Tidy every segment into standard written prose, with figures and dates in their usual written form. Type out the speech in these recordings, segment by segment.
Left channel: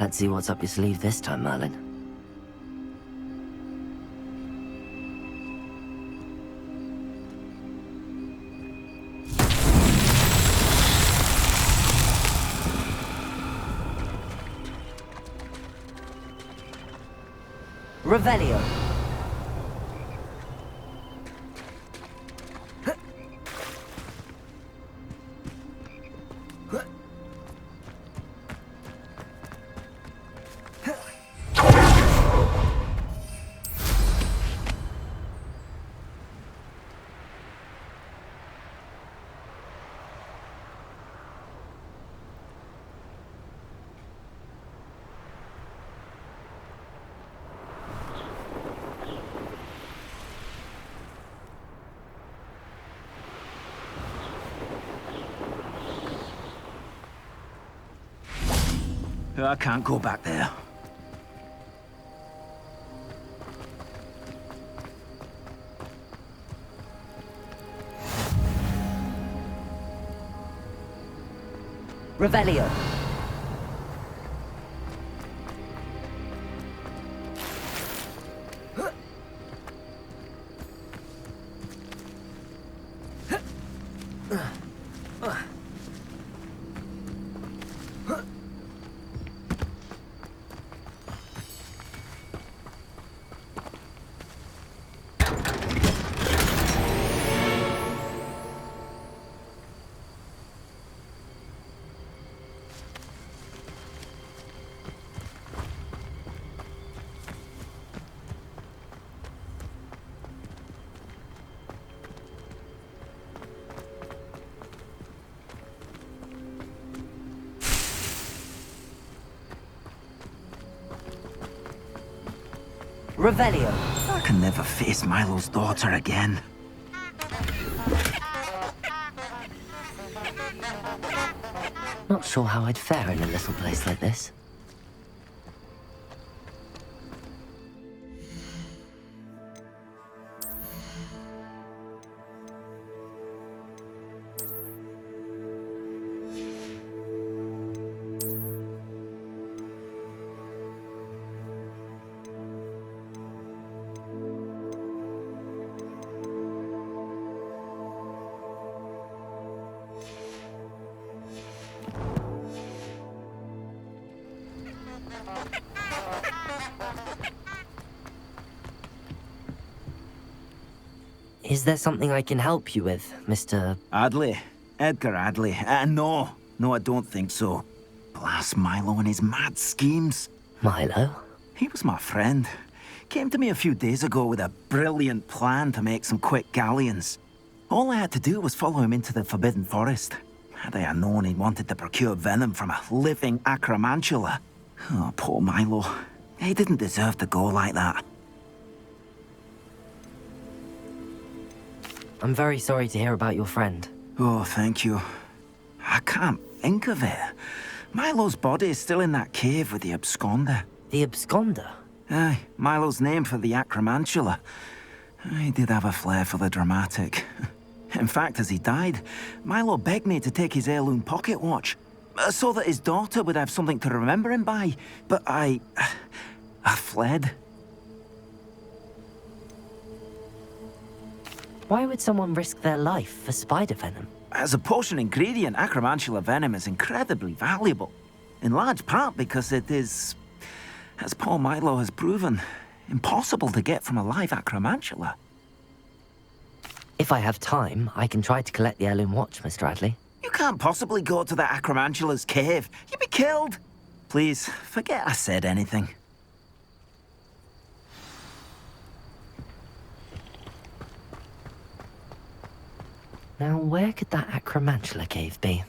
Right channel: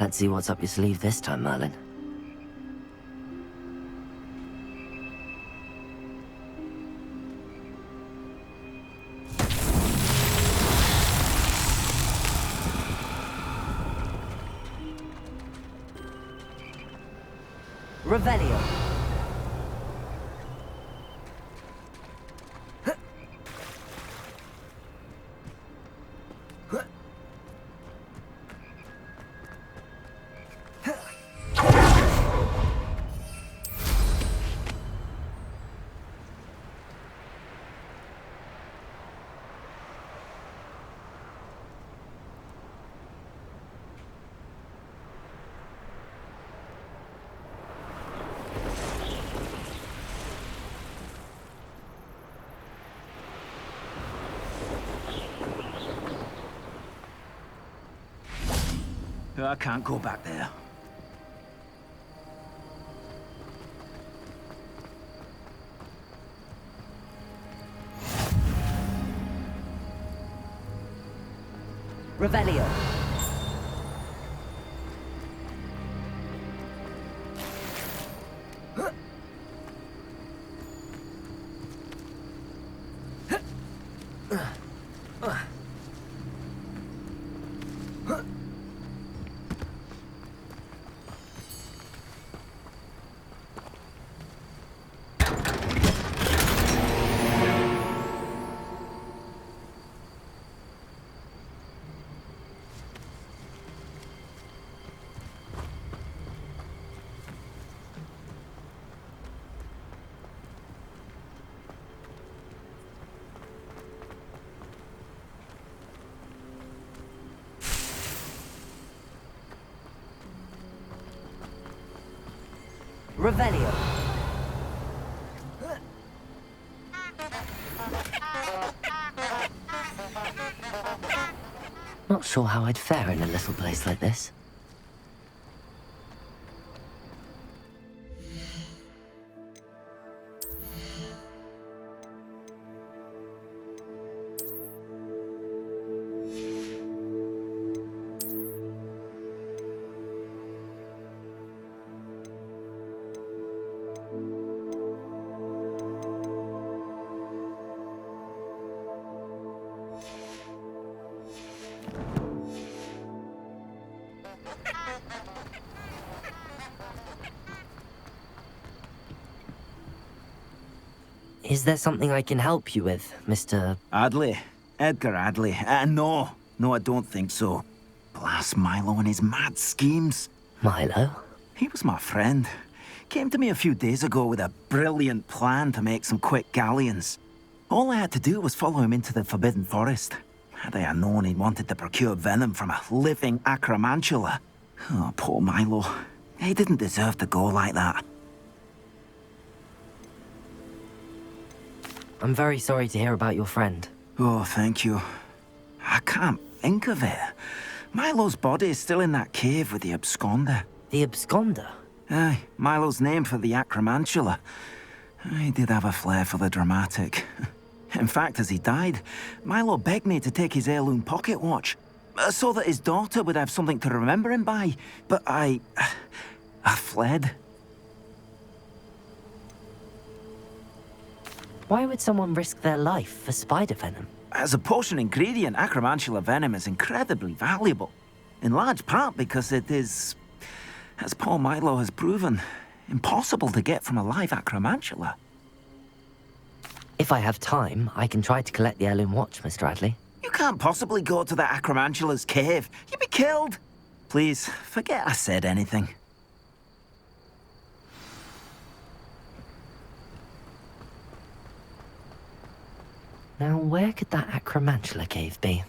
Let's see what's up your sleeve this time, Merlin. Revelio. I can't go back there. Revelio. Revelio. I can never face Milo's daughter again. Not sure how I'd fare in a little place like this. Is there something I can help you with, Mr. Adley? Edgar Adley? No, I don't think so. Blast Milo and his mad schemes. Milo? He was my friend. Came to me a few days ago with a brilliant plan to make some quick galleons. All I had to do was follow him into the Forbidden Forest. Had I known he wanted to procure venom from a living acromantula. Oh, poor Milo. He didn't deserve to go like that. I'm very sorry to hear about your friend. Oh, thank you. I can't think of it. Milo's body is still in that cave with the absconder. The absconder? Aye, Milo's name for the acromantula. He did have a flair for the dramatic. In fact, as he died, Milo begged me to take his heirloom pocket watch, so that his daughter would have something to remember him by. But I fled. Why would someone risk their life for spider venom? As a potion ingredient, acromantula venom is incredibly valuable. In large part because it is, as poor Milo has proven, impossible to get from a live acromantula. If I have time, I can try to collect the heirloom watch, Mr. Adley. You can't possibly go to the acromantula's cave. You'd be killed. Please, forget I said anything. Now, where could that Acromantula cave be?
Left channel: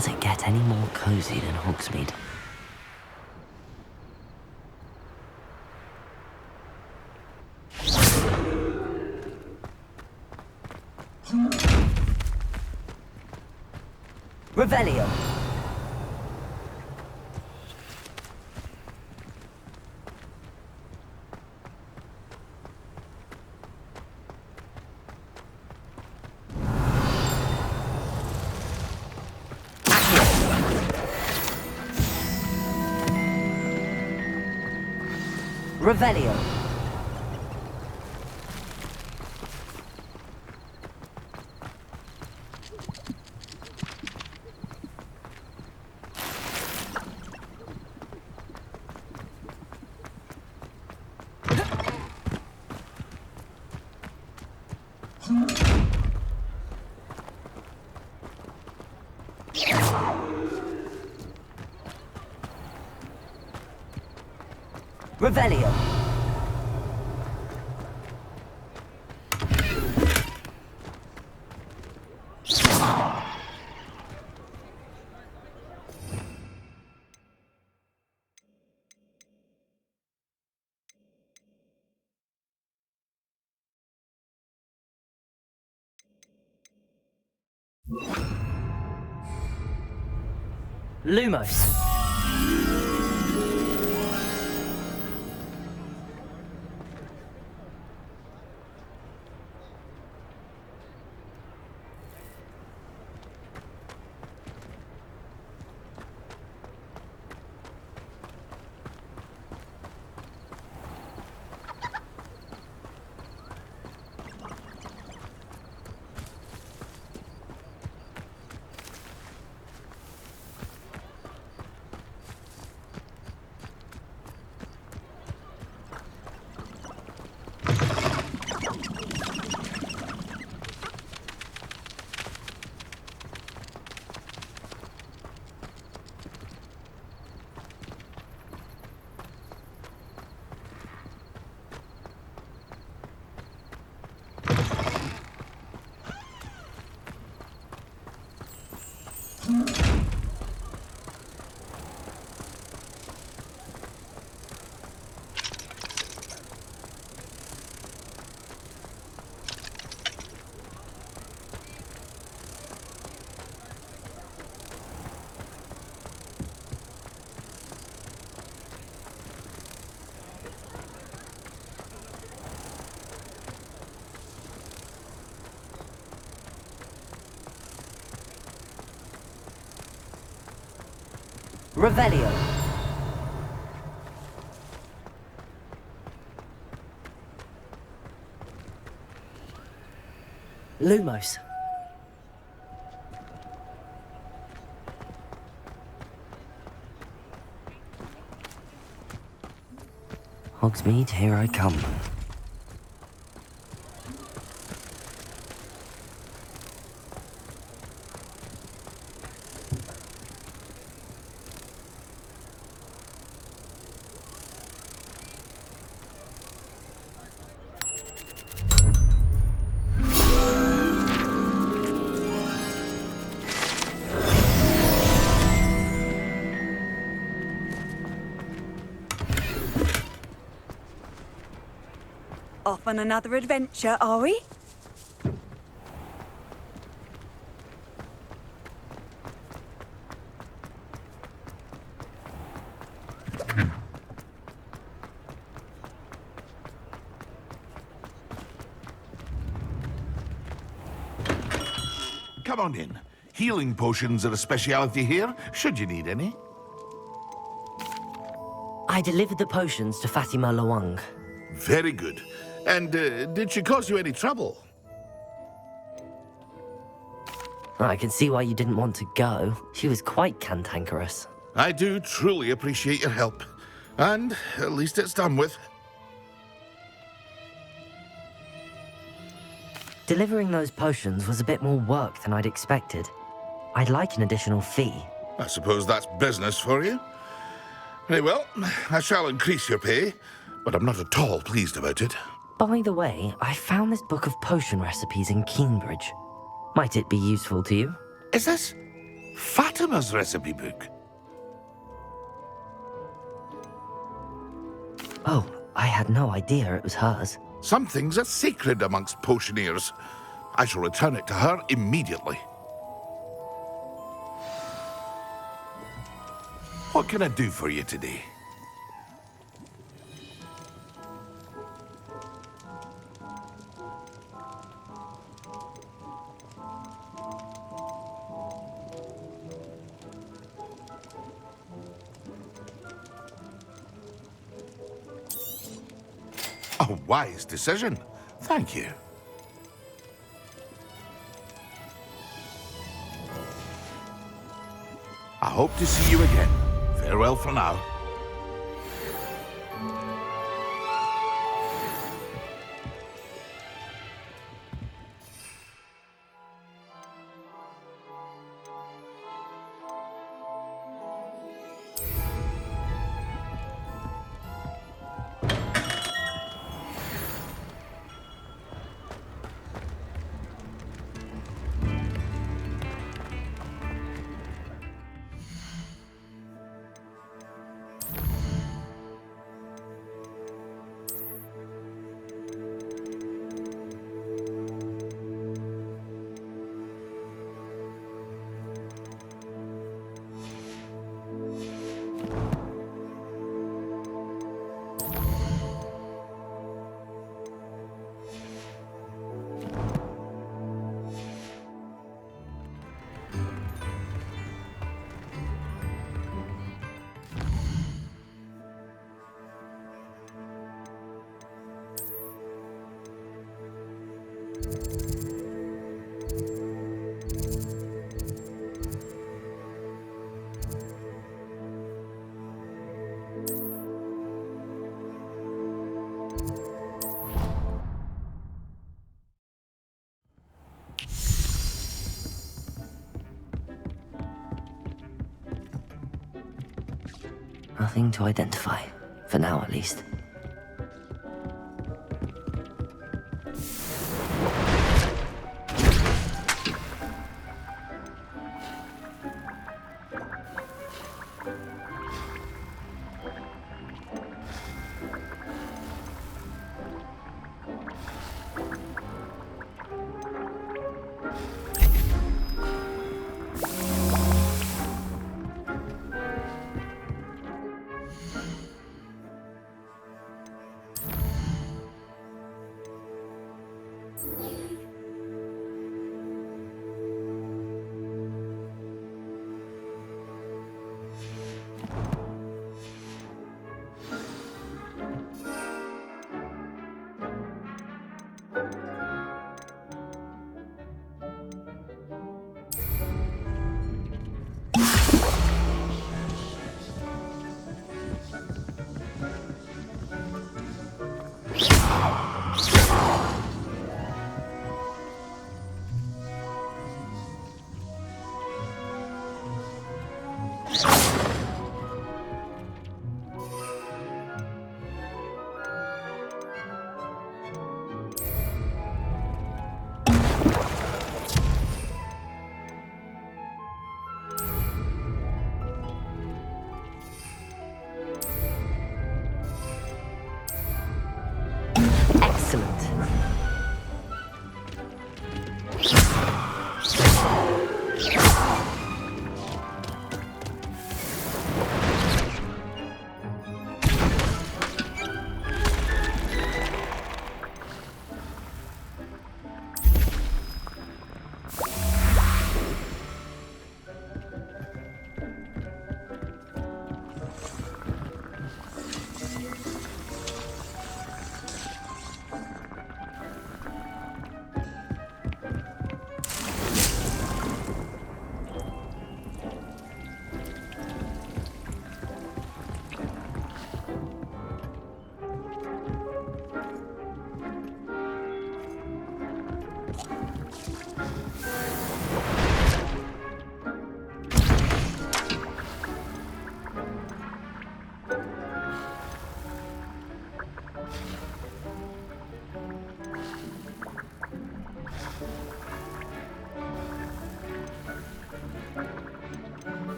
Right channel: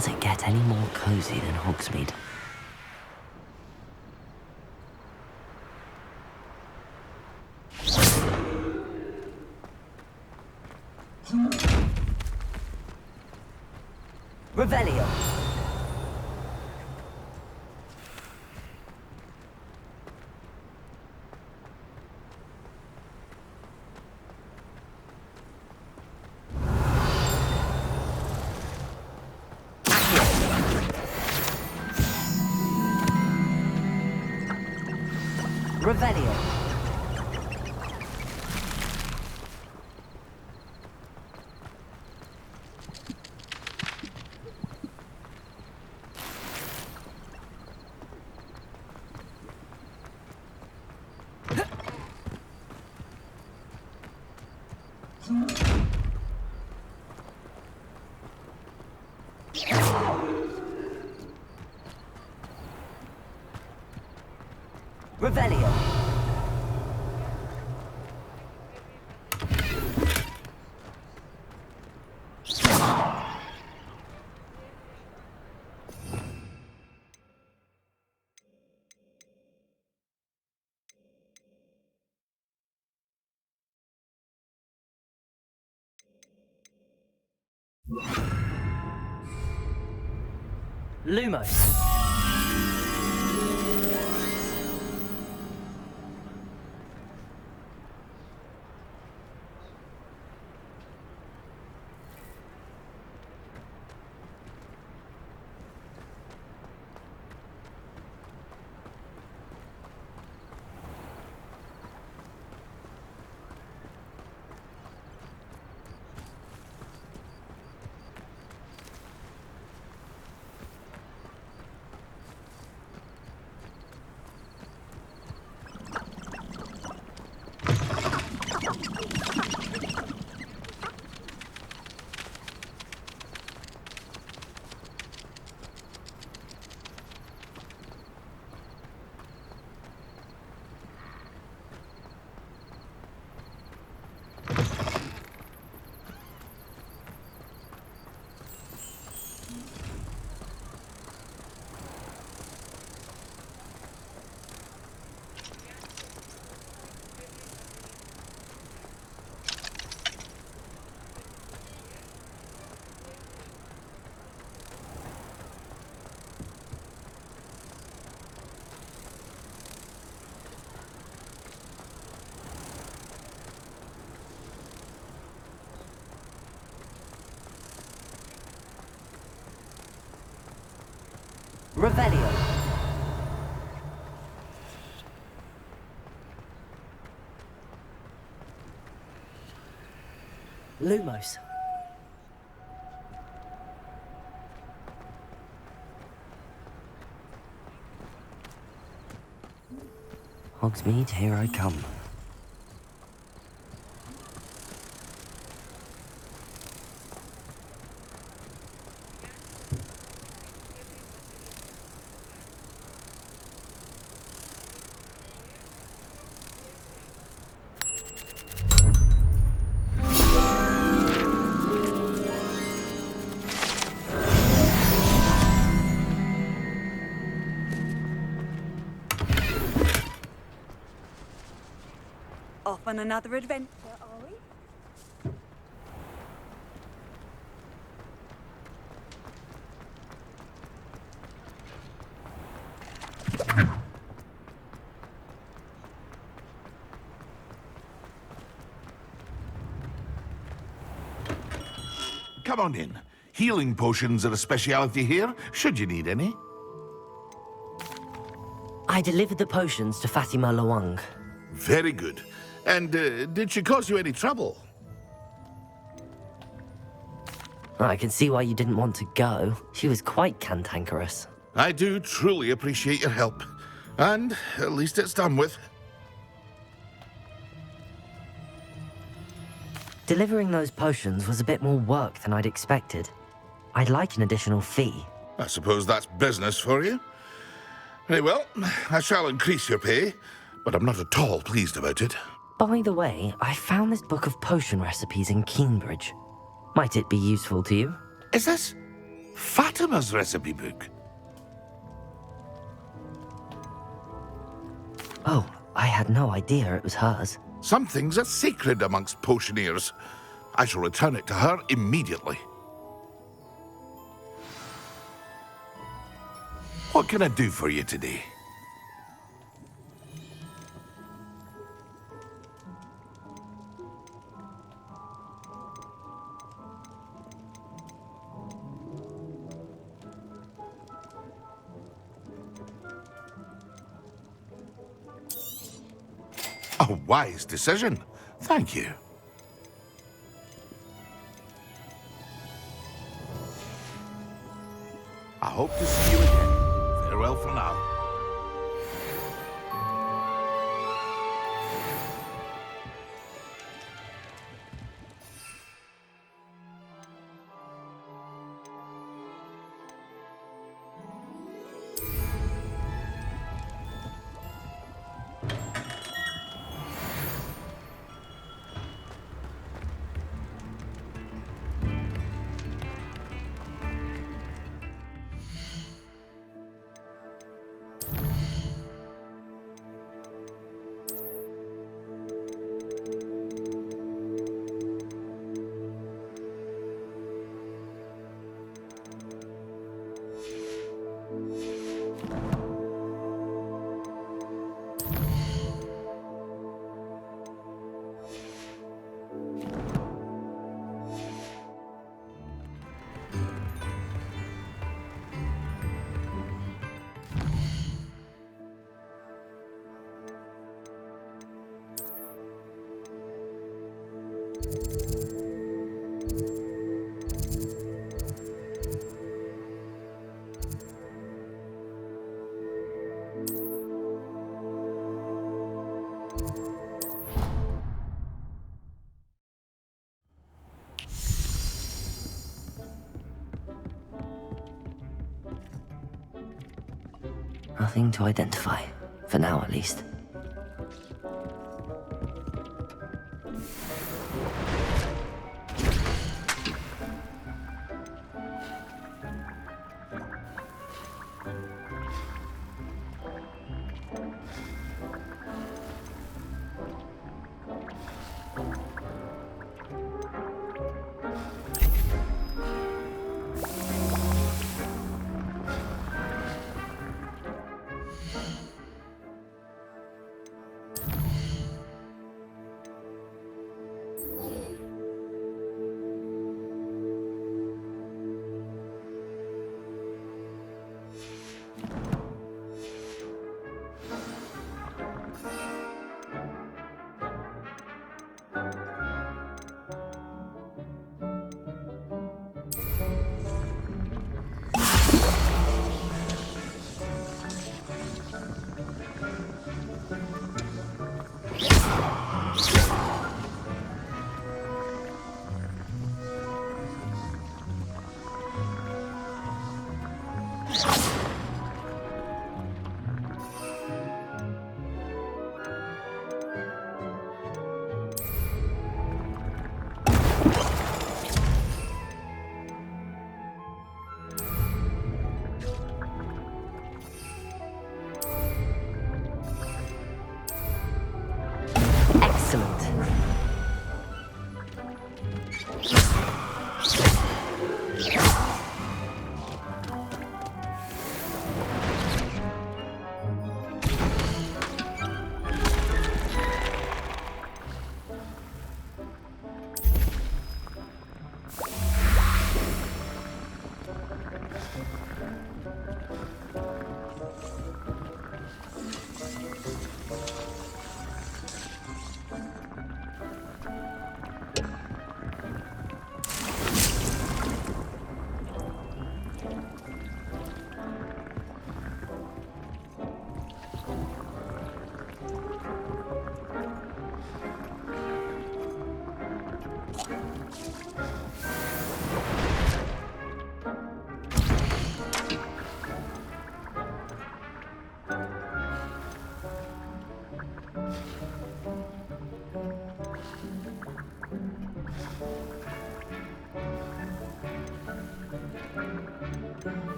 Does it get any more cozy than Hogsmeade? Revelio! Revelio. Revelio. Lumos. Revelio. Lumos. Hogsmeade, here I come. Off on another adventure, are we? Come on in. Healing potions are a speciality here, should you need any. I delivered the potions to Fatima Lawang. Very good. And did she cause you any trouble? I can see why you didn't want to go. She was quite cantankerous. I do truly appreciate your help. And at least it's done with. Delivering those potions was a bit more work than I'd expected. I'd like an additional fee. I suppose that's business for you. Very well, I shall increase your pay, but I'm not at all pleased about it. By the way, I found this book of potion recipes in Cambridge. Might it be useful to you? Is this Fatima's recipe book? Oh, I had no idea it was hers. Some things are sacred amongst potioneers. I shall return it to her immediately. What can I do for you today? A wise decision. Thank you. I hope to see you again. Farewell for now. Nothing to identify, for now at least. Excellent.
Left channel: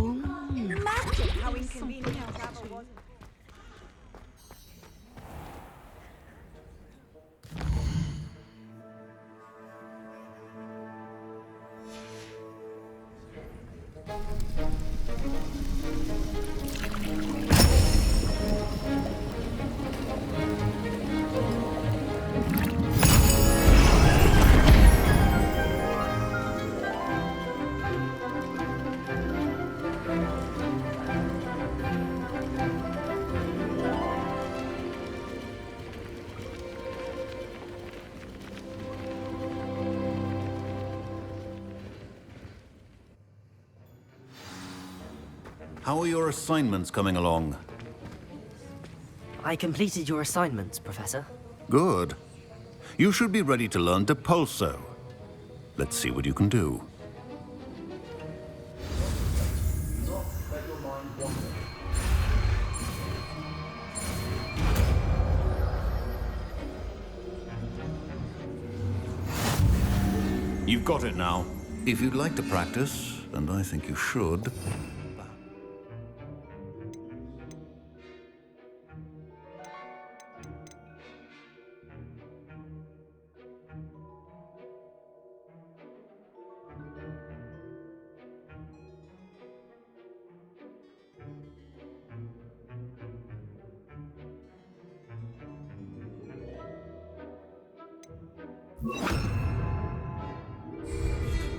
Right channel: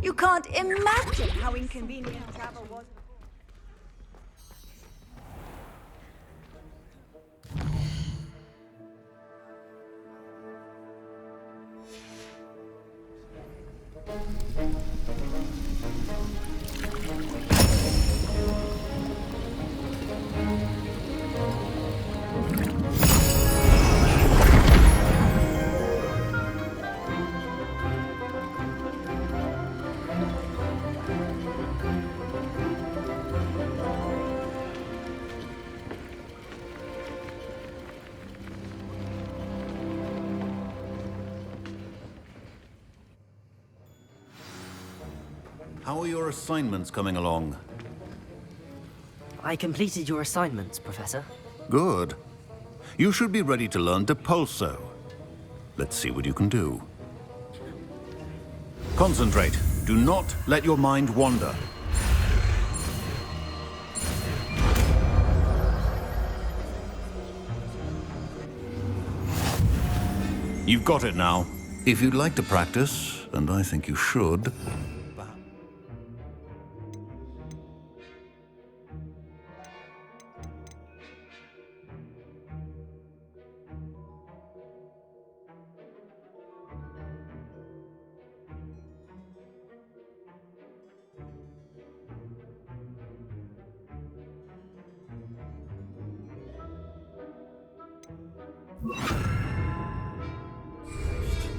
You can't imagine how inconvenient travel was. How are your assignments coming along? I completed your assignments, Professor. Good. You should be ready to learn Depulso. Let's see what you can do. Concentrate. Do not let your mind wander. You've got it now. If you'd like to practice, and I think you should...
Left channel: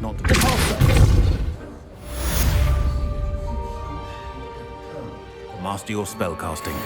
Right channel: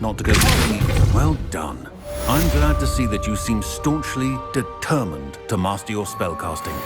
Not to get... Well done. I'm glad to see that you seem staunchly determined to master your spellcasting.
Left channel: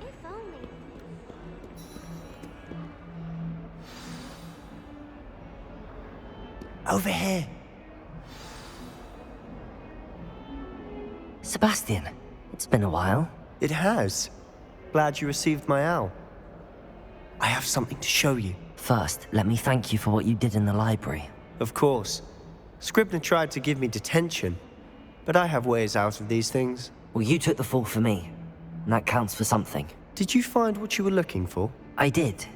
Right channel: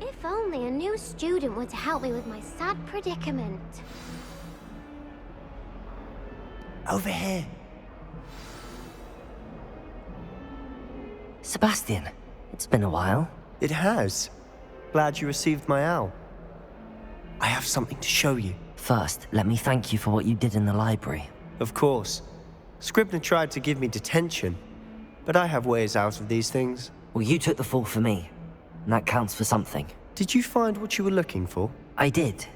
If only a new student were to help me with my sad predicament. Over here. Sebastian, it's been a while. It has. Glad you received my owl. I have something to show you. First, let me thank you for what you did in the library. Of course. Scribner tried to give me detention, but I have ways out of these things. Well, you took the fall for me, and that counts for something. Did you find what you were looking for? I did,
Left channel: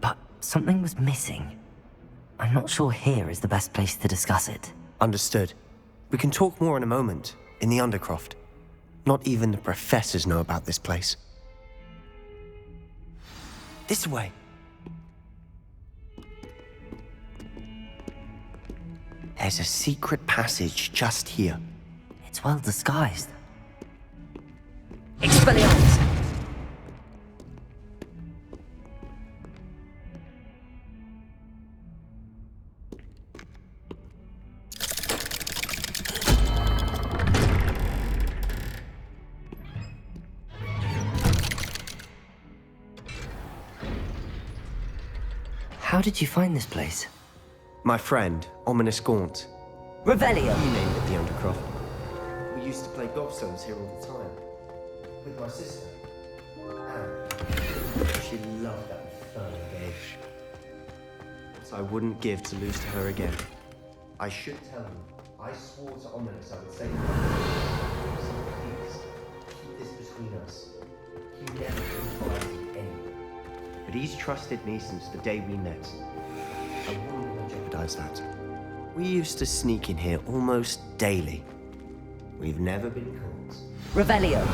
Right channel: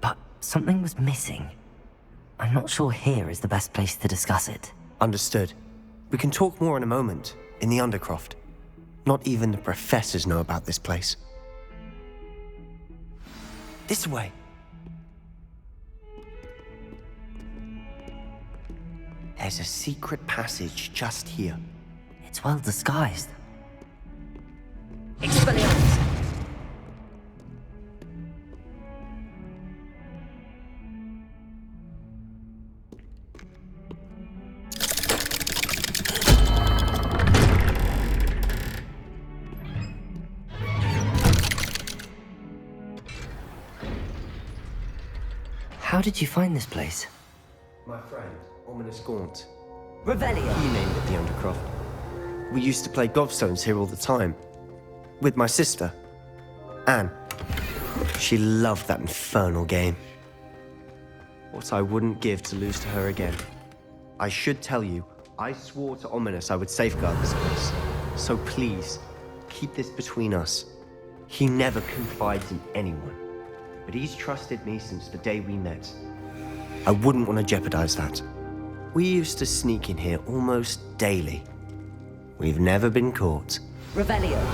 but something was missing. I'm not sure here is the best place to discuss it. Understood. We can talk more in a moment, in the Undercroft. Not even the professors know about this place. This way. There's a secret passage just here. It's well disguised. Expelliarmus! How did you find this place? My friend, Ominous Gaunt. Revelio! He named it the Undercroft. We used to play gobstones here all the time. With my sister, Anne. She loved that infernal game. What I wouldn't give to lose to her again. I should tell you, I swore to Ominous I would safeguard this place. So please, keep this between us. He never confided in anyone. But he's trusted me since the day we met. I wouldn't want to jeopardize that. We used to sneak in here almost daily. We've never been caught. Revelio!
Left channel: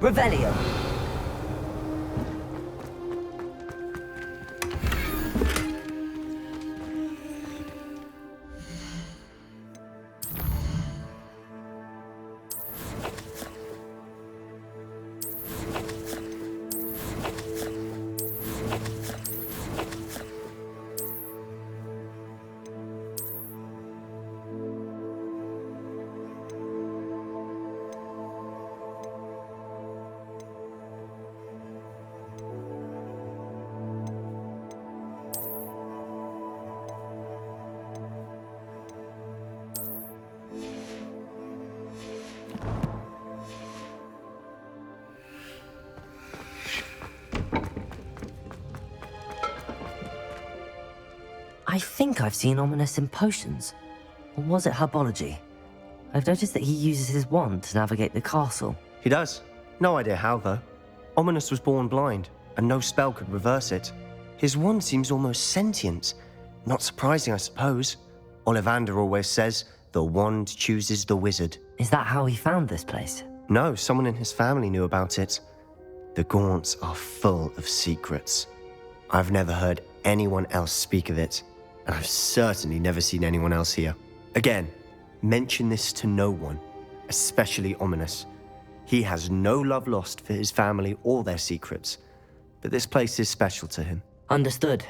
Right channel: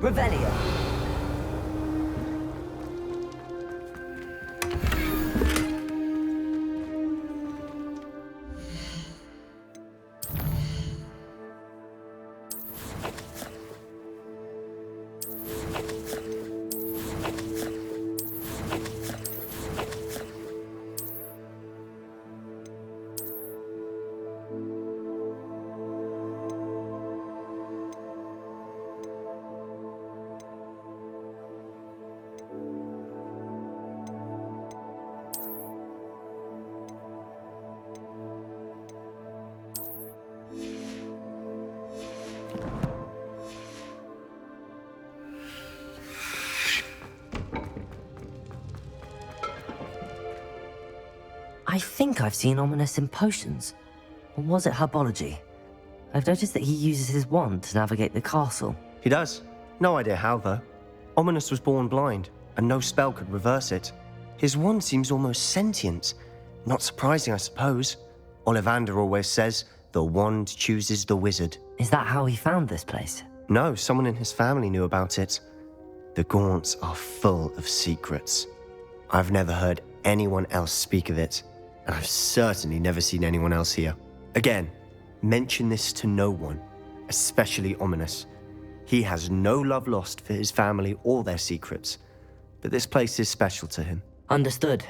Revelio! I think I've seen Ominous in potions. Or was it herbology? I've noticed that he uses his wand to navigate the castle. He does. No idea how, though. Ominous was born blind, and no spell could reverse it. His wand seems almost sentient. Not surprising, I suppose. Ollivander always says, the wand chooses the wizard. Is that how he found this place? No, someone in his family knew about it. The Gaunts are full of secrets. I've never heard anyone else speak of it, and I've certainly never seen anyone else here. Again, mention this to no one, especially Ominous. He has no love lost for his family or their secrets, but this place is special to him. Understood.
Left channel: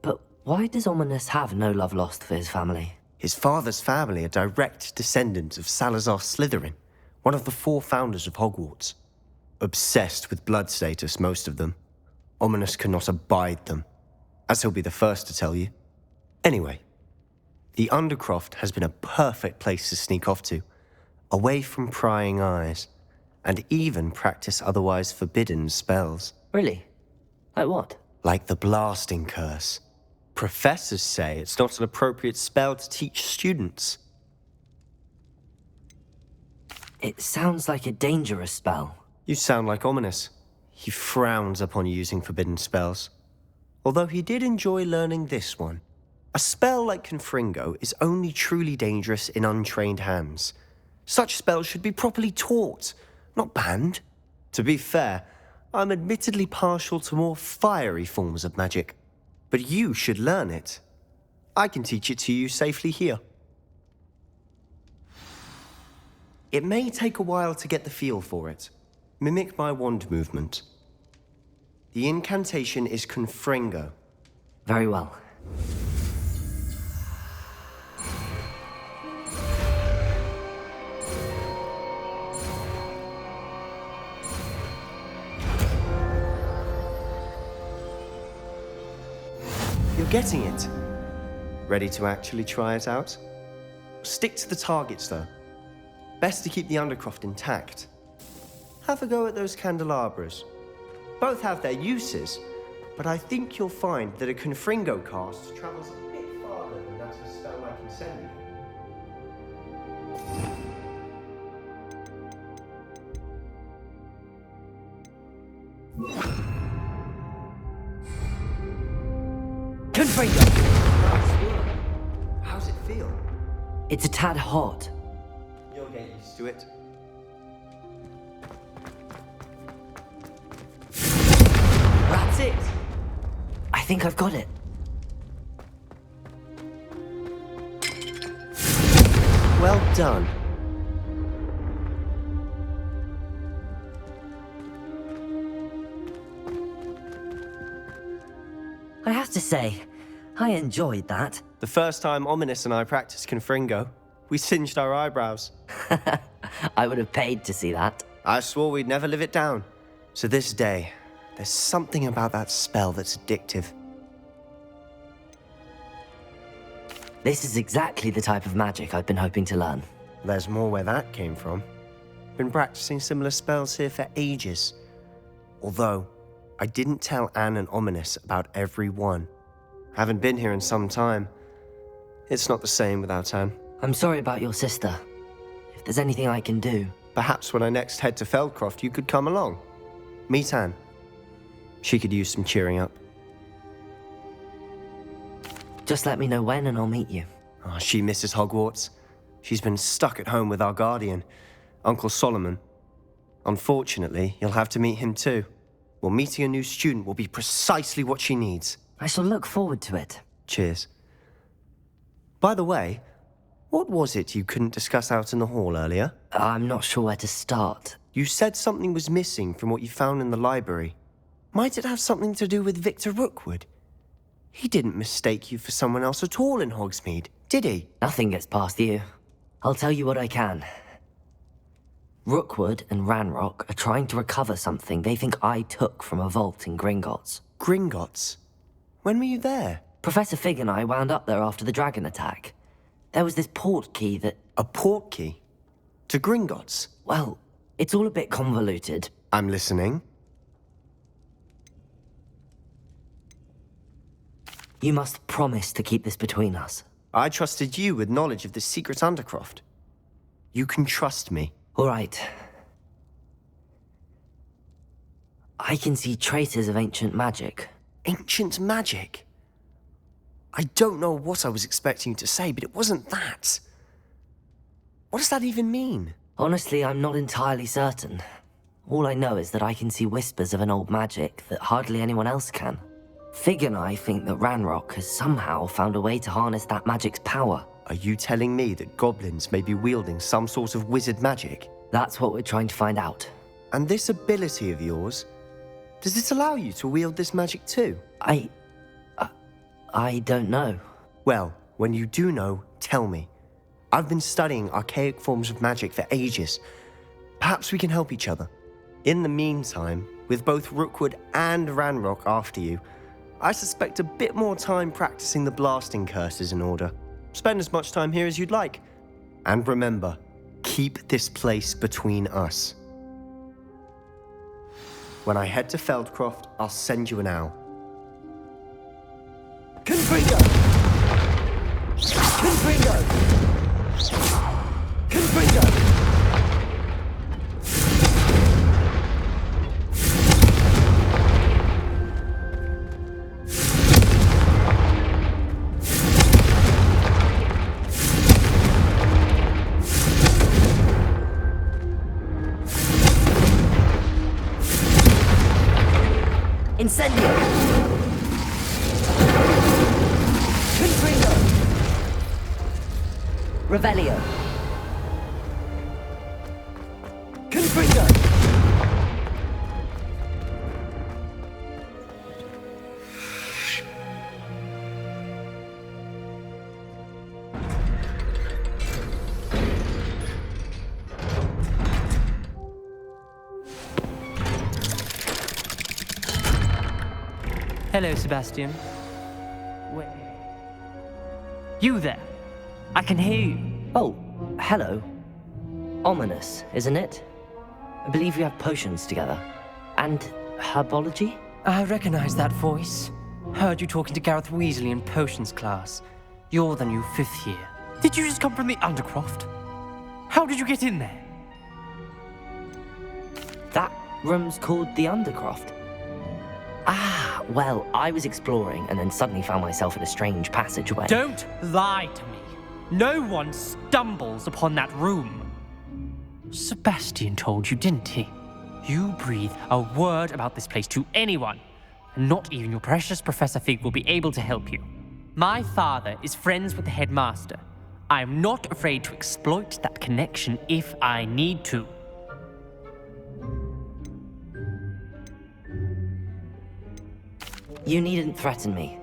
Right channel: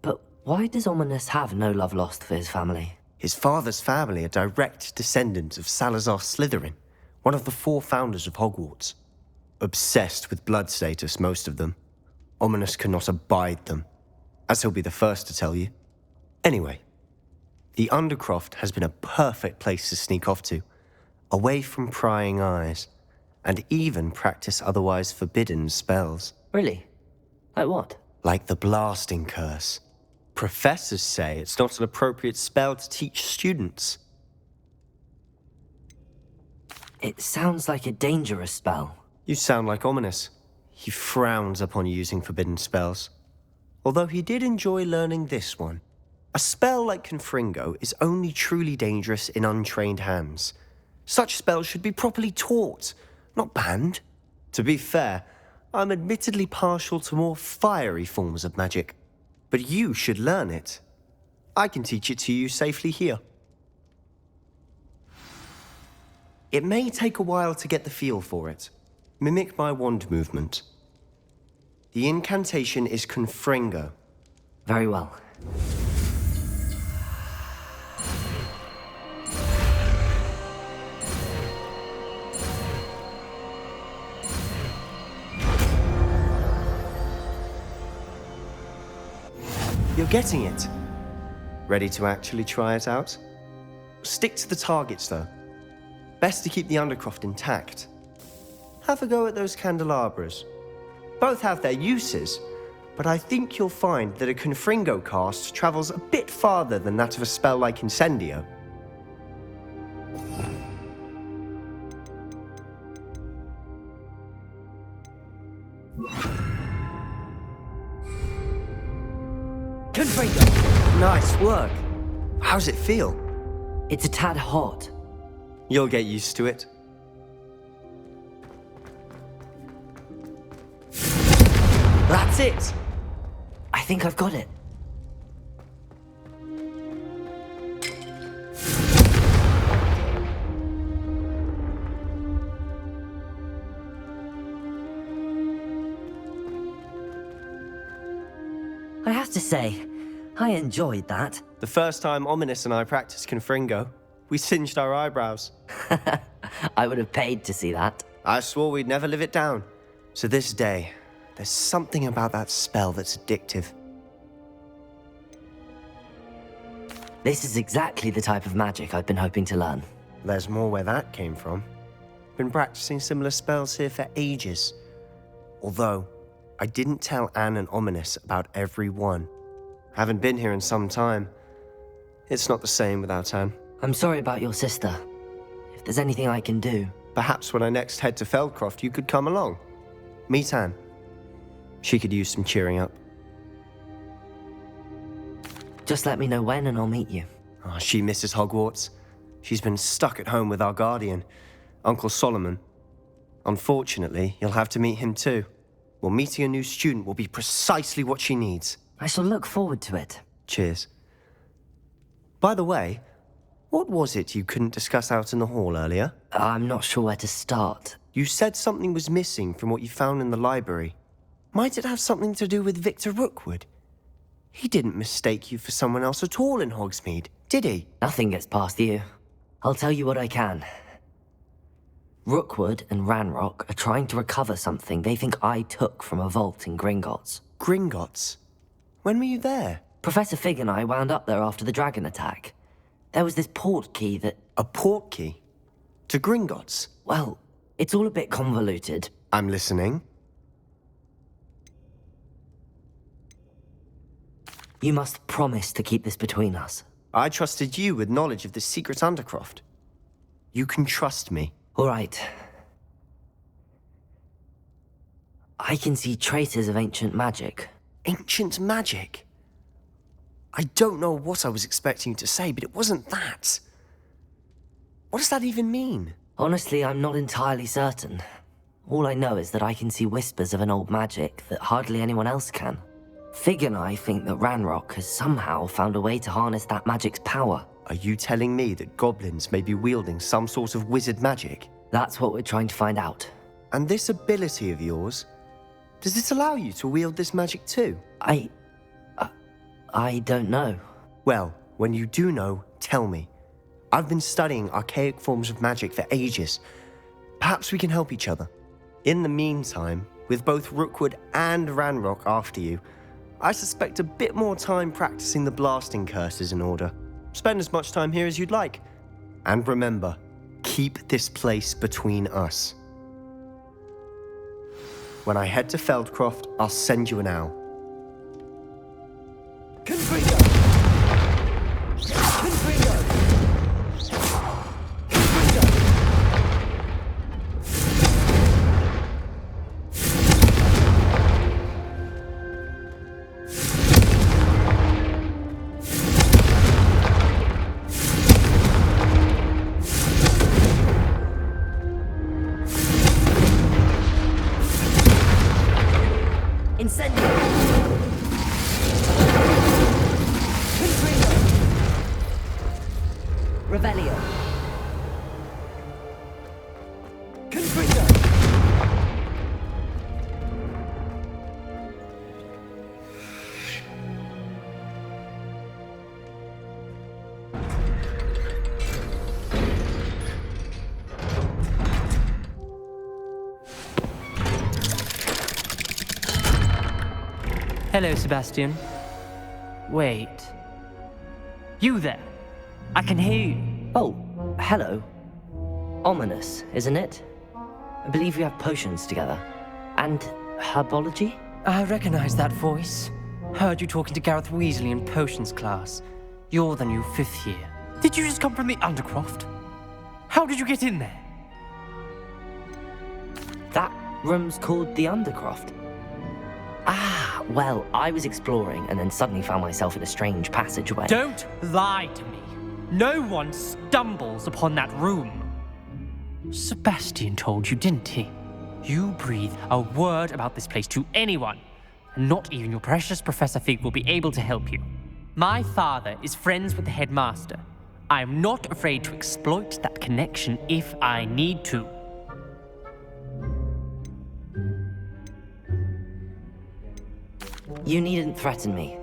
But why does Ominous have no love lost for his family? His father's family are direct descendants of Salazar Slytherin, one of the 4 founders of Hogwarts. Obsessed with blood status, most of them. Ominous cannot abide them, as he'll be the first to tell you. Anyway, the Undercroft has been a perfect place to sneak off to, away from prying eyes, and even practice otherwise forbidden spells. Really? Like what? Like the blasting curse. Professors say it's not an appropriate spell to teach students. It sounds like a dangerous spell. You sound like Ominous. He frowns upon using forbidden spells. Although he did enjoy learning this one. A spell like Confringo is only truly dangerous in untrained hands. Such spells should be properly taught, not banned. To be fair, I'm admittedly partial to more fiery forms of magic. But you should learn it. I can teach it to you safely here. It may take a while to get the feel for it. Mimic my wand movement. The incantation is Confringo. Very well. getting it. Ready to actually try it out? Stick to the targets, though. Best to keep the Undercroft intact. Have a go at those candelabras. Both have their uses, but I think you'll find that a Confringo cast travels a bit farther than that of a spell like Incendio. Confringo! Nice work. How's it feel? It's a tad hot. You'll get used to it. That's it! I think I've got it. Well done. I have to say, I enjoyed that. The first time Ominous and I practiced Confringo, we singed our eyebrows. I would have paid to see that. I swore we'd never live it down. To this day, there's something about that spell that's addictive. This is exactly the type of magic I've been hoping to learn. There's more where that came from. Been practicing similar spells here for ages. Although, I didn't tell Anne and Ominous about every one. Haven't been here in some time. It's not the same without Anne. I'm sorry about your sister. If there's anything I can do... Perhaps when I next head to Feldcroft, you could come along. Meet Anne. She could use some cheering up. Just let me know when and I'll meet you. Oh, she misses Hogwarts. She's been stuck at home with our guardian, Uncle Solomon. Unfortunately, you'll have to meet him too. Well, meeting a new student will be precisely what she needs. I shall look forward to it. Cheers. By the way, what was it you couldn't discuss out in the hall earlier? I'm not sure where to start. You said something was missing from what you found in the library. Might it have something to do with Victor Rookwood? He didn't mistake you for someone else at all in Hogsmeade, did he? Nothing gets past you. I'll tell you what I can. Rookwood and Ranrock are trying to recover something they think I took from a vault in Gringotts. Gringotts? When were you there? Professor Fig and I wound up there after the dragon attack. There was this port key that... A port key? To Gringotts? Well, it's all a bit convoluted. I'm listening. You must promise to keep this between us. I trusted you with knowledge of the secret Undercroft. You can trust me. All right. I can see traces of ancient magic. Ancient magic? I don't know what I was expecting you to say, but it wasn't that. What does that even mean? Honestly, I'm not entirely certain. All I know is that I can see whispers of an old magic that hardly anyone else can. Fig and I think that Ranrock has somehow found a way to harness that magic's power. Are you telling me that goblins may be wielding some sort of wizard magic? That's what we're trying to find out. And this ability of yours, does it allow you to wield this magic too? I don't know. Well, when you do know, tell me. I've been studying archaic forms of magic for ages. Perhaps we can help each other. In the meantime, with both Rookwood and Ranrock after you, I suspect a bit more time practicing the blasting curse is in order. Spend as much time here as you'd like. And remember, keep this place between us. When I head to Feldcroft, I'll send you an owl. Confringo! Confringo! Confringo! Incendio! Confringo! Revelio! Confringo! Hello, Sebastian. Wait. You there? I can hear you. Oh, hello. Ominous, isn't it? I believe we have potions together. And herbology? I recognize that voice. Heard you talking to Gareth Weasley in potions class. You're the new 5th year. Did you just come from the Undercroft? How did you get in there? That room's called the Undercroft. Ah, well, I was exploring and then suddenly found myself in a strange passageway. Don't lie to me. No one stumbles upon that room. Sebastian told you, didn't he? You breathe a word about this place to anyone, and not even your precious Professor Fig will be able to help you. My father is friends with the headmaster. I am not afraid to exploit that connection if I need to. You needn't threaten me.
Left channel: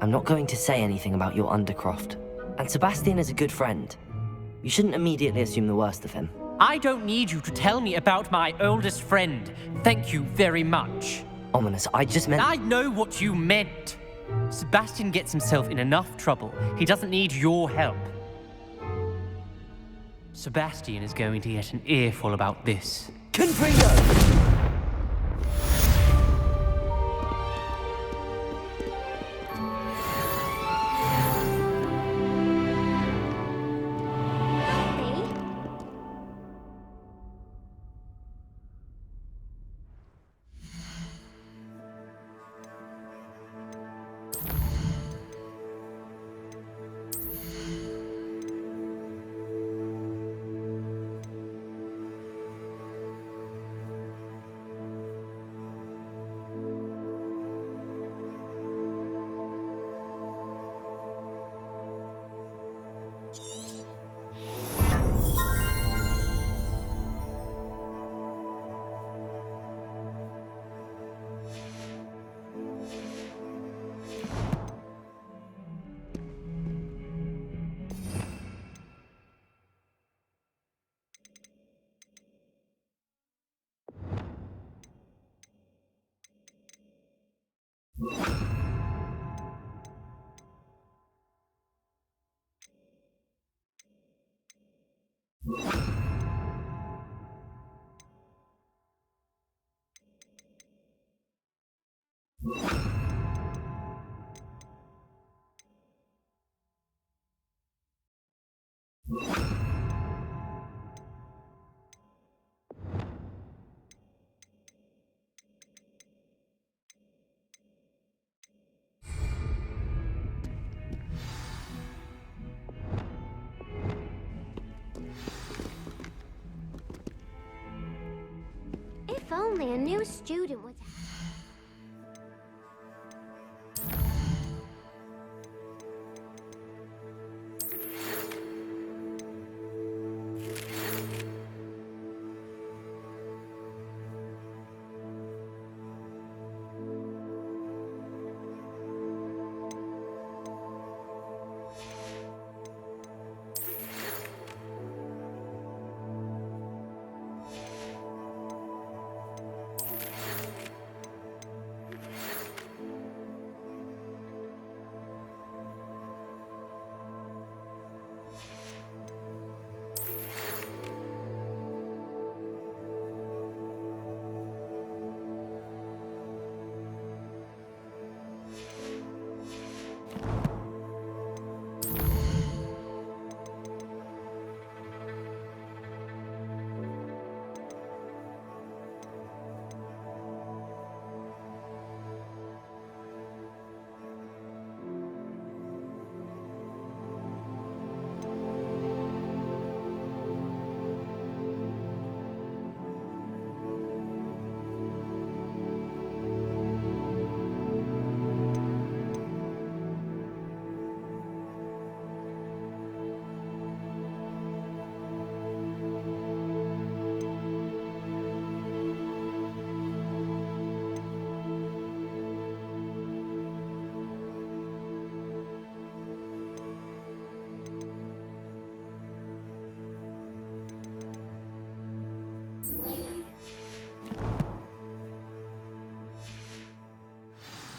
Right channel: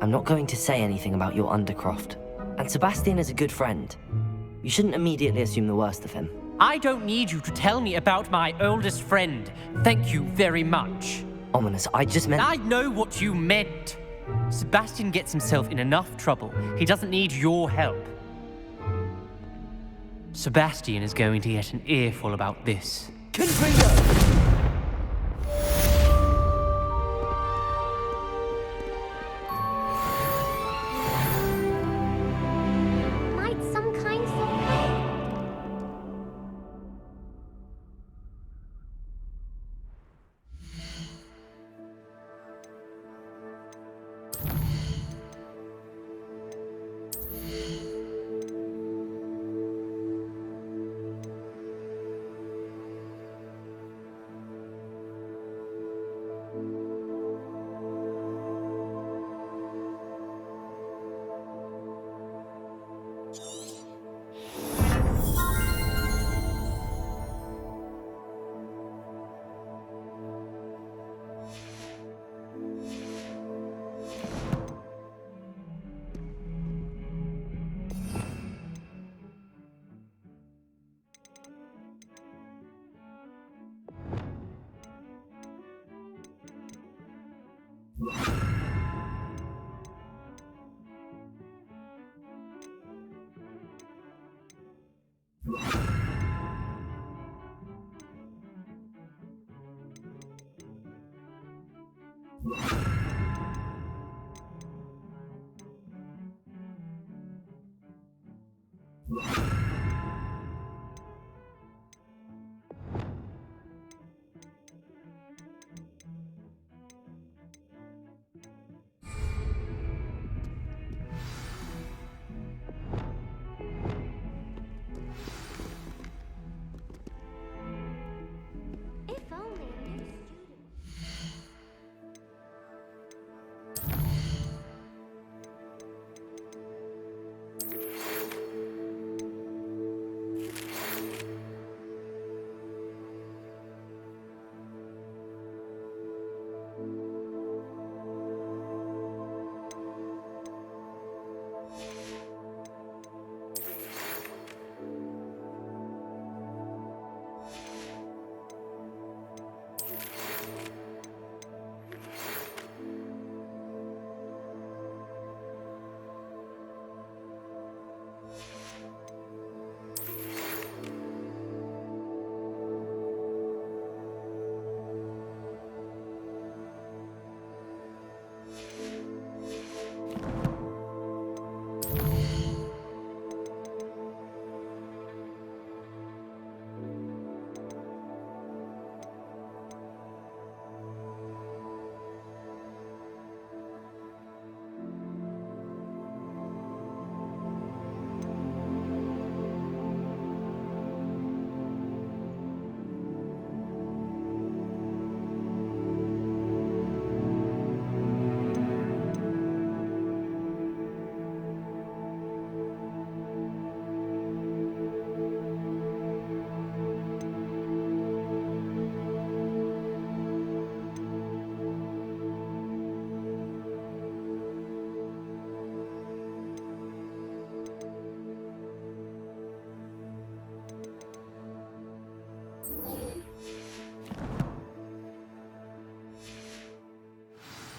I'm not going to say anything about your Undercroft. And Sebastian is a good friend. You shouldn't immediately assume the worst of him. I don't need you to tell me about my oldest friend. Thank you very much. Ominous, I just meant... I know what you meant. Sebastian gets himself in enough trouble. He doesn't need your help. Sebastian is going to get an earful about this. Confringo! Might some kind soul help me? If only a new student would...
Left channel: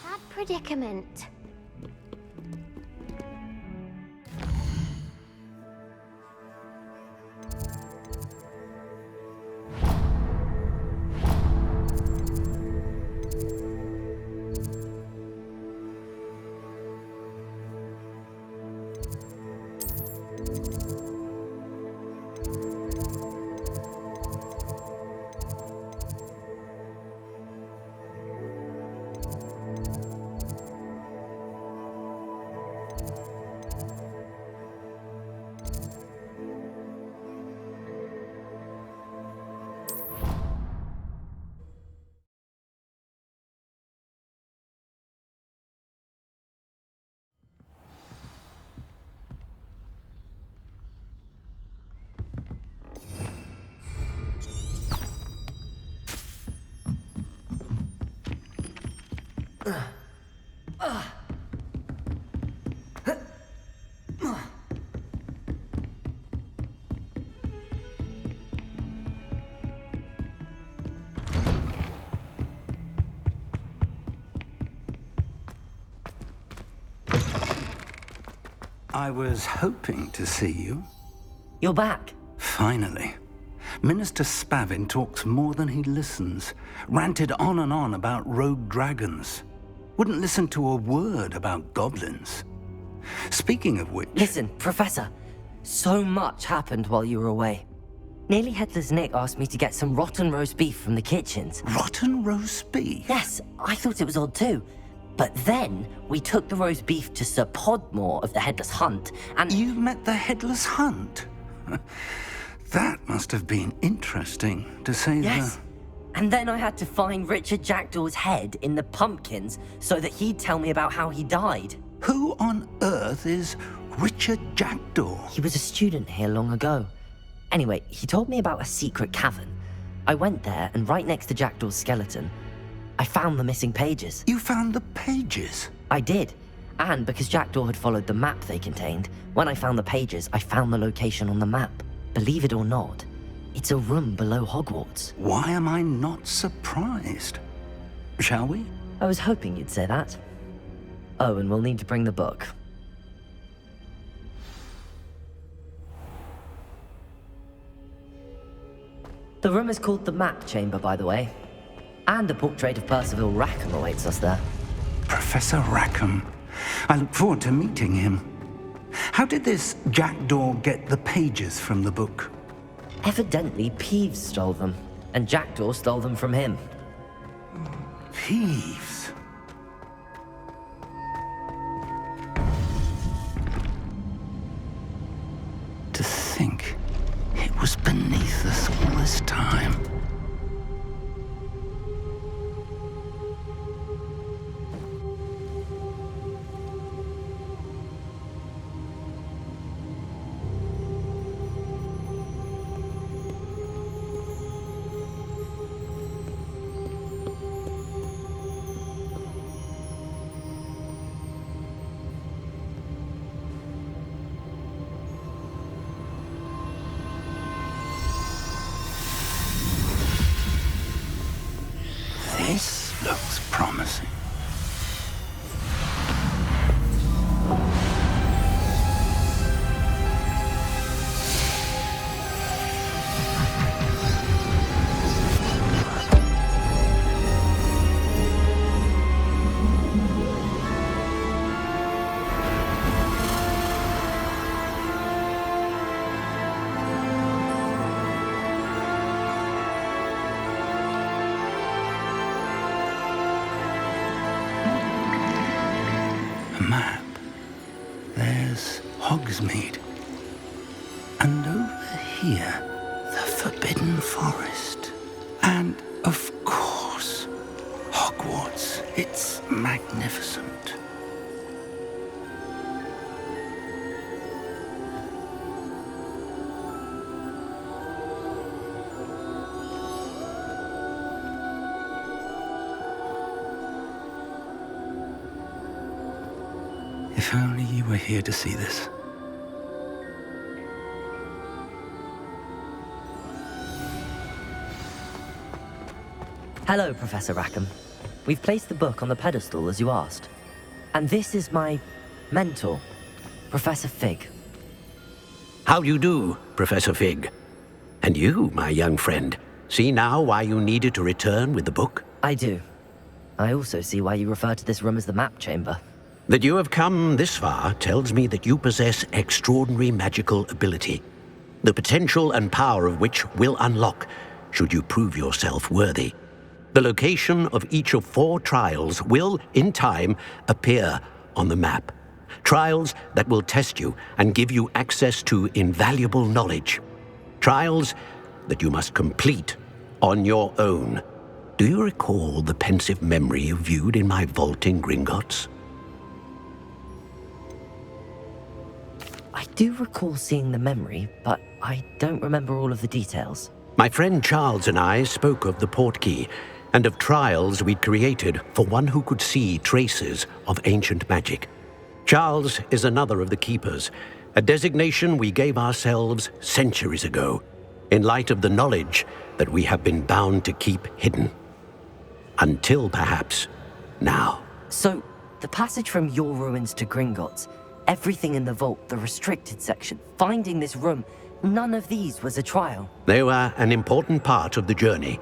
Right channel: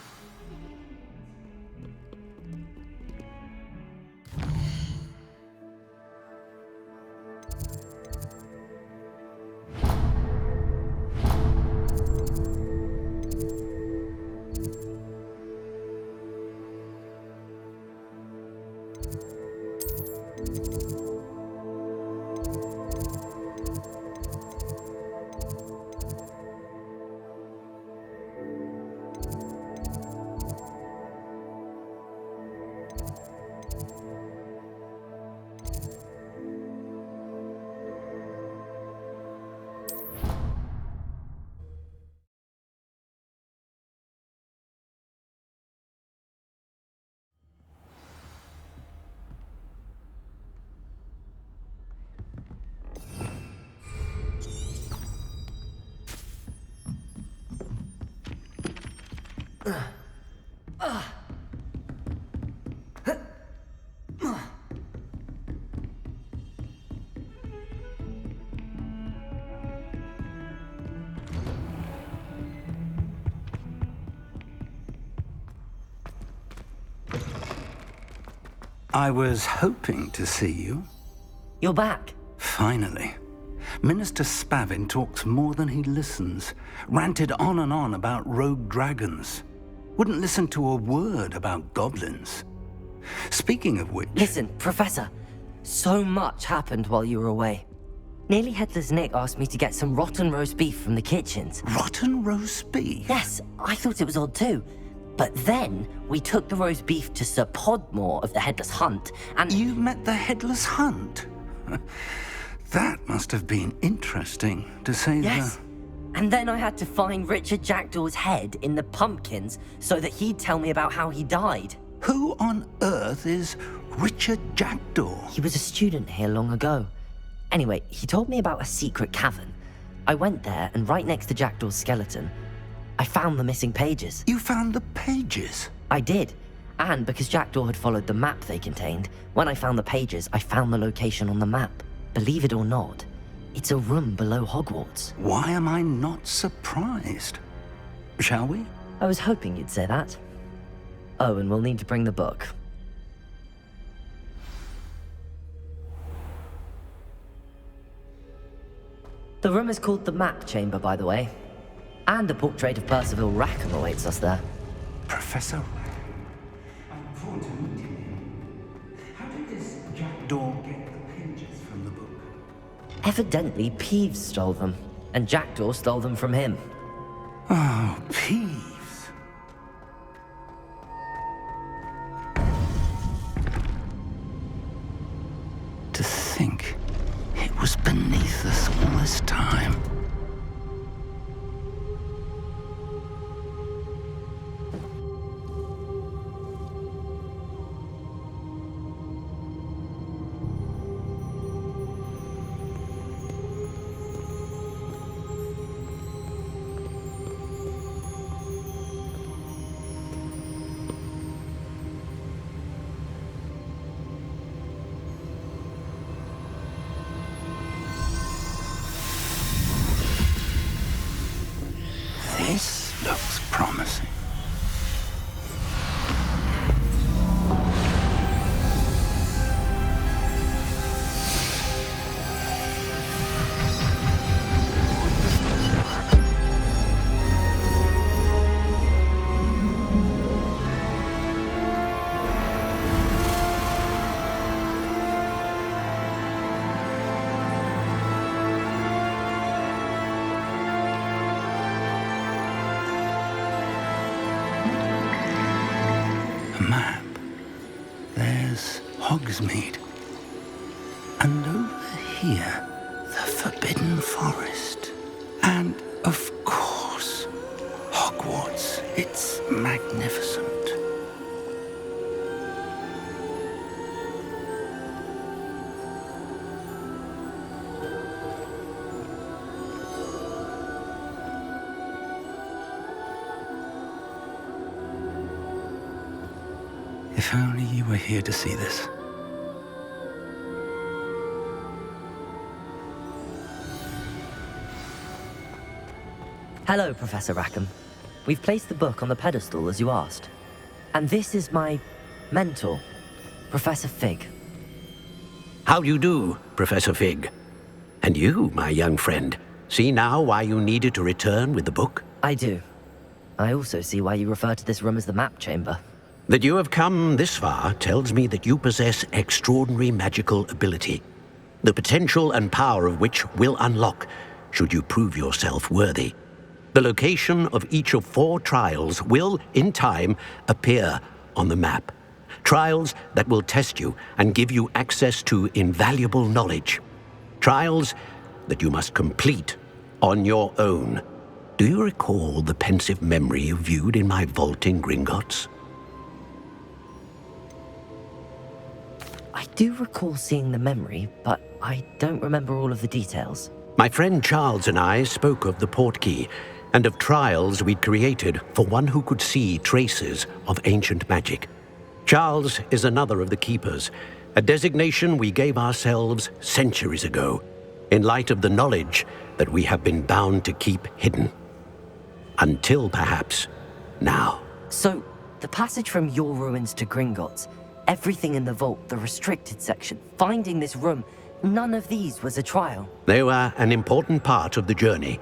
That predicament. I was hoping to see you. You're back. Finally. Minister Spavin talks more than he listens. Ranted on and on about rogue dragons. Wouldn't listen to a word about goblins. Speaking of which... Listen, Professor. So much happened while you were away. Nearly Headless Nick asked me to get some rotten roast beef from the kitchens. Rotten roast beef? Yes, I thought it was odd too. But then we took the roast beef to Sir Podmore of the Headless Hunt, and... You met the Headless Hunt? That must have been interesting, to say Yes. And then I had to find Richard Jackdaw's head in the pumpkins so that he'd tell me about how he died. Who on earth is Richard Jackdaw? He was a student here long ago. Anyway, he told me about a secret cavern. I went there, and right next to Jackdaw's skeleton, I found the missing pages. You found the pages? I did. And because Jackdaw had followed the map they contained, when I found the pages, I found the location on the map. Believe it or not, it's a room below Hogwarts. Why am I not surprised? Shall we? I was hoping you'd say that. Oh, and we'll need to bring the book. The room is called the Map Chamber, by the way. And a portrait of Percival Rackham awaits us there. Professor Rackham. I look forward to meeting him. How did this Jackdaw get the pages from the book? Evidently, Peeves stole them, and Jackdaw stole them from him. Oh, Peeves. To think it was beneath us all this time. This looks promising. Map. There's Hogsmeade. And over here, the Forbidden Forest. And, of course, Hogwarts. It's magnificent. If only you were here to see this. Hello, Professor Rackham. We've placed the book on the pedestal as you asked. And this is my mentor, Professor Fig. How do you do, Professor Fig? And you, my young friend, see now why you needed to return with the book? I do. I also see why you refer to this room as the Map Chamber. That you have come this far tells me that you possess extraordinary magical ability, the potential and power of which will unlock should you prove yourself worthy. The location of each of 4 trials will, in time, appear on the map. Trials that will test you and give you access to invaluable knowledge. Trials that you must complete on your own. Do you recall the pensive memory you viewed in my vault in Gringotts? I do recall seeing the memory, but I don't remember all of the details. My friend Charles and I spoke of the portkey and of trials we'd created for one who could see traces of ancient magic. Charles is another of the Keepers, a designation we gave ourselves centuries ago, in light of the knowledge that we have been bound to keep hidden. Until perhaps now. So, the passage from your ruins to Gringotts, everything in the vault, the restricted section, finding this room, none of these was a trial. They were an important part of the journey,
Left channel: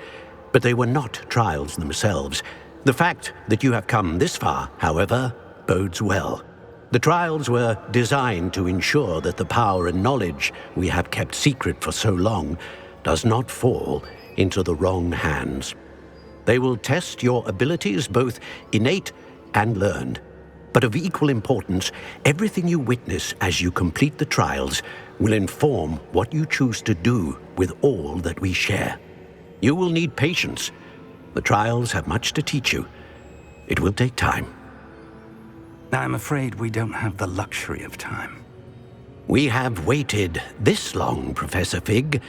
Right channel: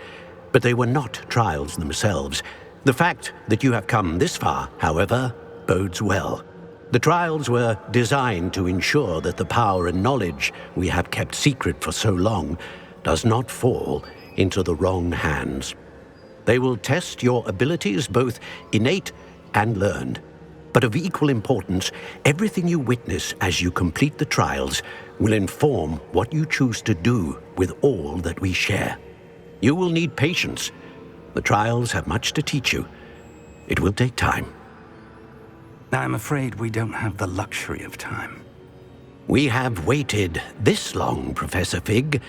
but they were not trials themselves. The fact that you have come this far, however, bodes well. The trials were designed to ensure that the power and knowledge we have kept secret for so long does not fall into the wrong hands. They will test your abilities, both innate and learned. But of equal importance, everything you witness as you complete the trials will inform what you choose to do with all that we share. You will need patience. The trials have much to teach you. It will take time. I'm afraid we don't have the luxury of time. We have waited this long, Professor Fig.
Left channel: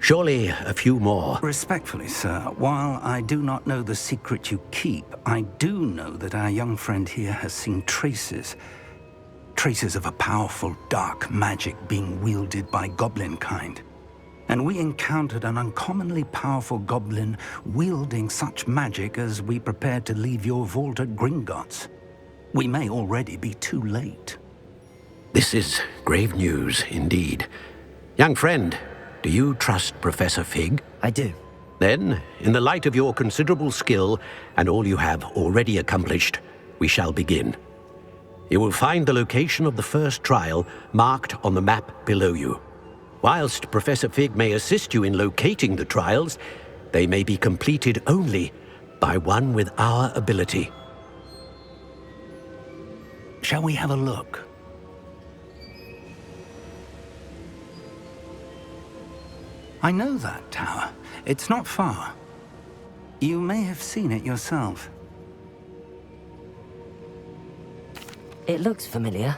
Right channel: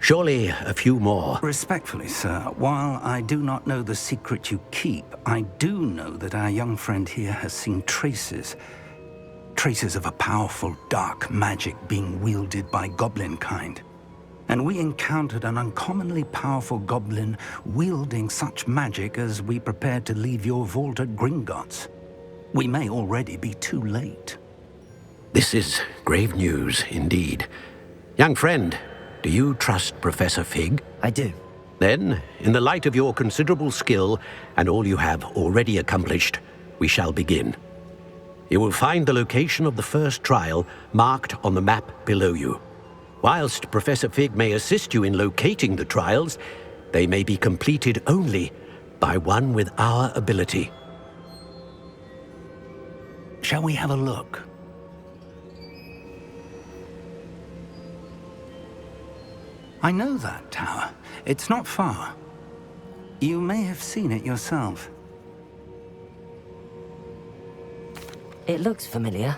Surely a few more. Respectfully, sir, while I do not know the secret you keep, I do know that our young friend here has seen traces of a powerful dark magic being wielded by goblin kind. And we encountered an uncommonly powerful goblin wielding such magic as we prepared to leave your vault at Gringotts. We may already be too late. This is grave news indeed. Young friend, do you trust Professor Fig? I do. Then, in the light of your considerable skill and all you have already accomplished, we shall begin. You will find the location of the first trial marked on the map below you. Whilst Professor Fig may assist you in locating the trials, they may be completed only by one with our ability. Shall we have a look? I know that tower. It's not far. You may have seen it yourself. It looks familiar.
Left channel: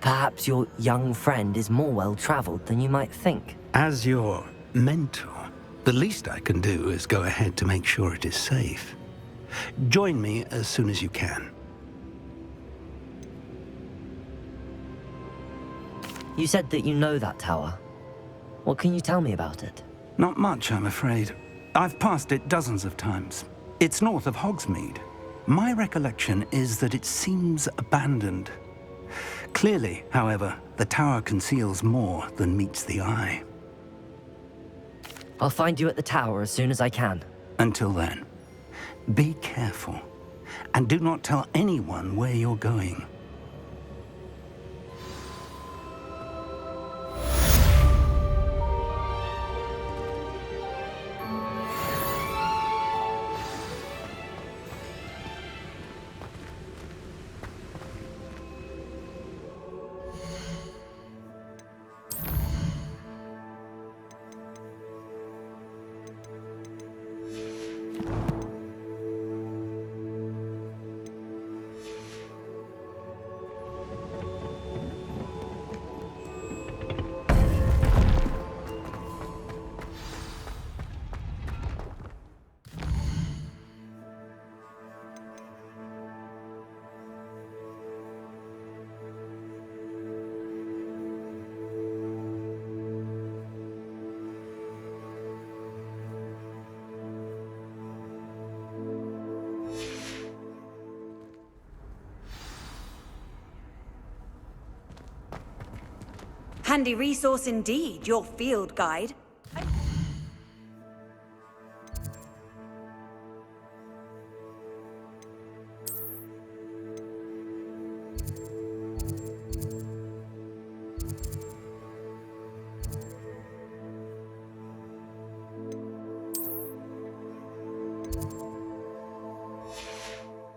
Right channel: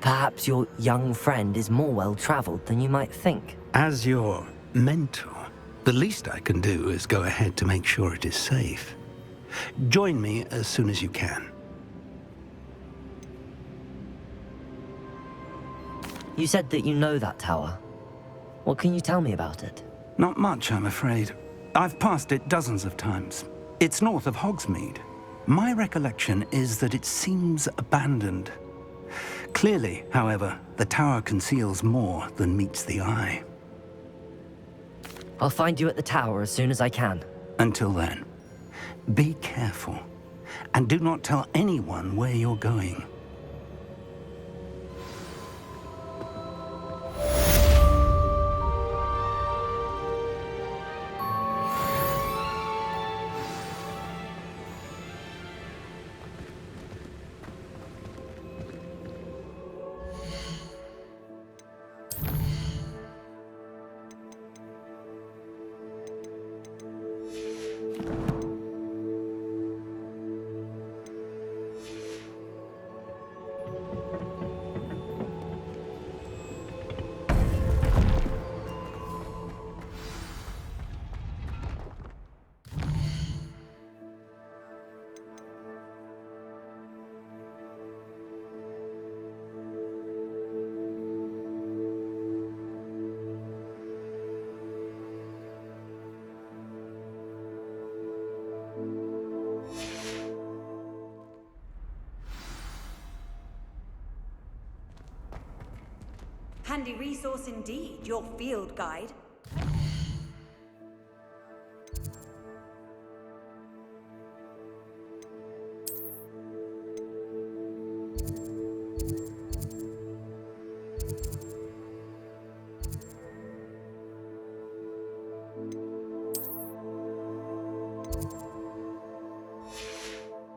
Perhaps your young friend is more well-traveled than you might think. As your mentor, the least I can do is go ahead to make sure it is safe. Join me as soon as you can. You said that you know that tower. What can you tell me about it? Not much, I'm afraid. I've passed it dozens of times. It's north of Hogsmeade. My recollection is that it seems abandoned. Clearly, however, the tower conceals more than meets the eye. I'll find you at the tower as soon as I can. Until then, be careful, and do not tell anyone where you're going. Handy resource indeed, your field guide.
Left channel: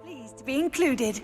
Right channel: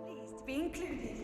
Pleased to be included.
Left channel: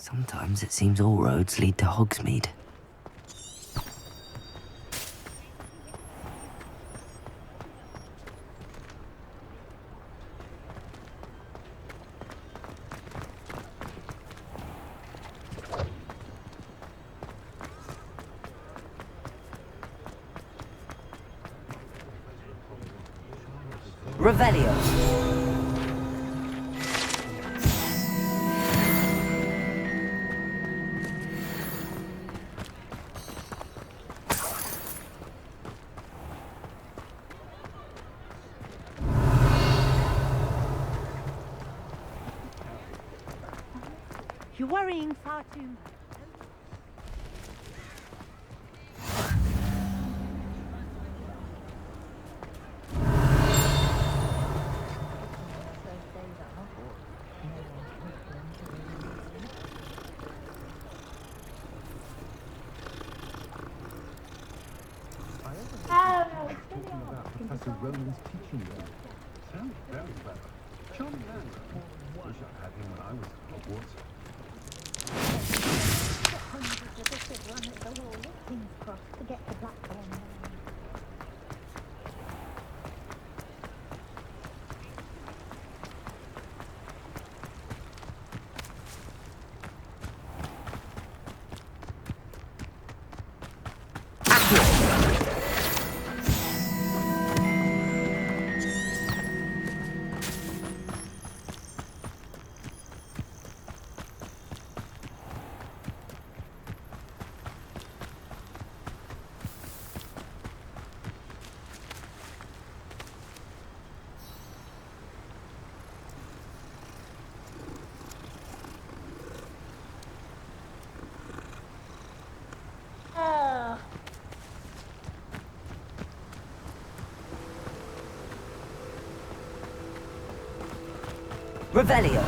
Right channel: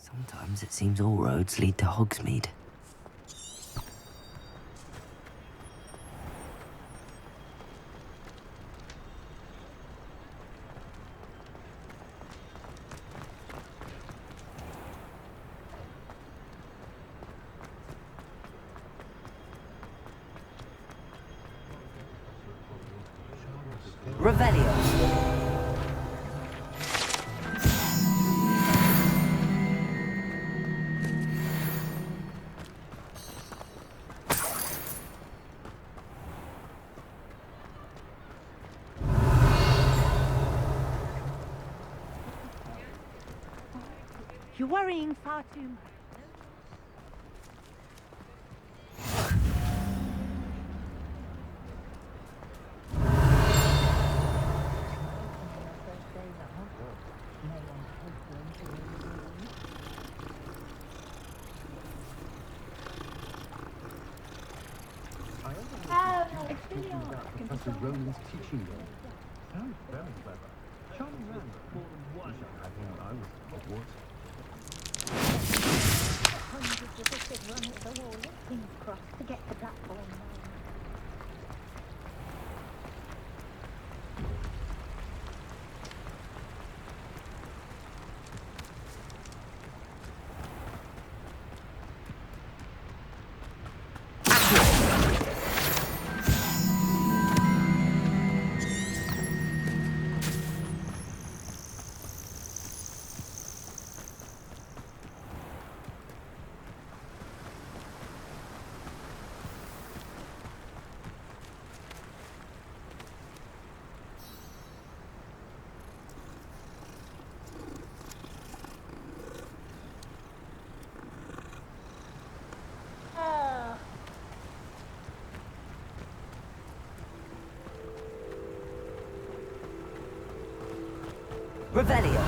Sometimes it seems all roads lead to Hogsmeade. Revelio. You're worrying far too much. Professor Roland's teaching them. Sounds very clever. Charming man. Wish I had him when I was at Hogwarts. Hundreds of us have run at the wall at King's Cross to get the platform. Revelio.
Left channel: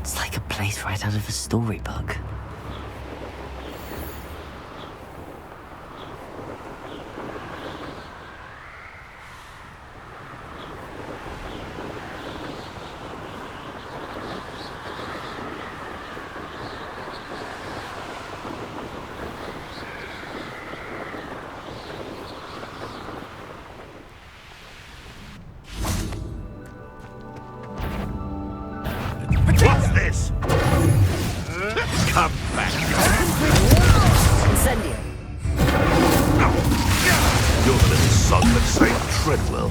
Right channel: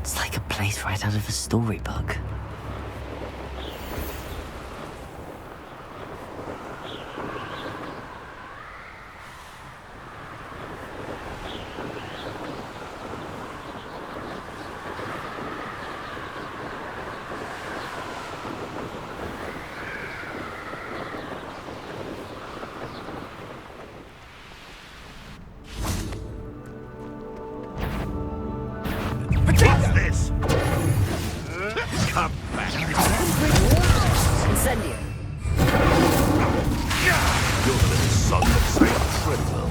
It's like a place right out of a storybook. Come back. Incendio. You're the little son that saved Treadwell.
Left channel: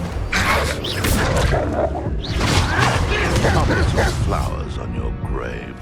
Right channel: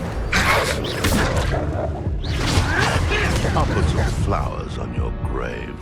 I'll put some flowers on your grave.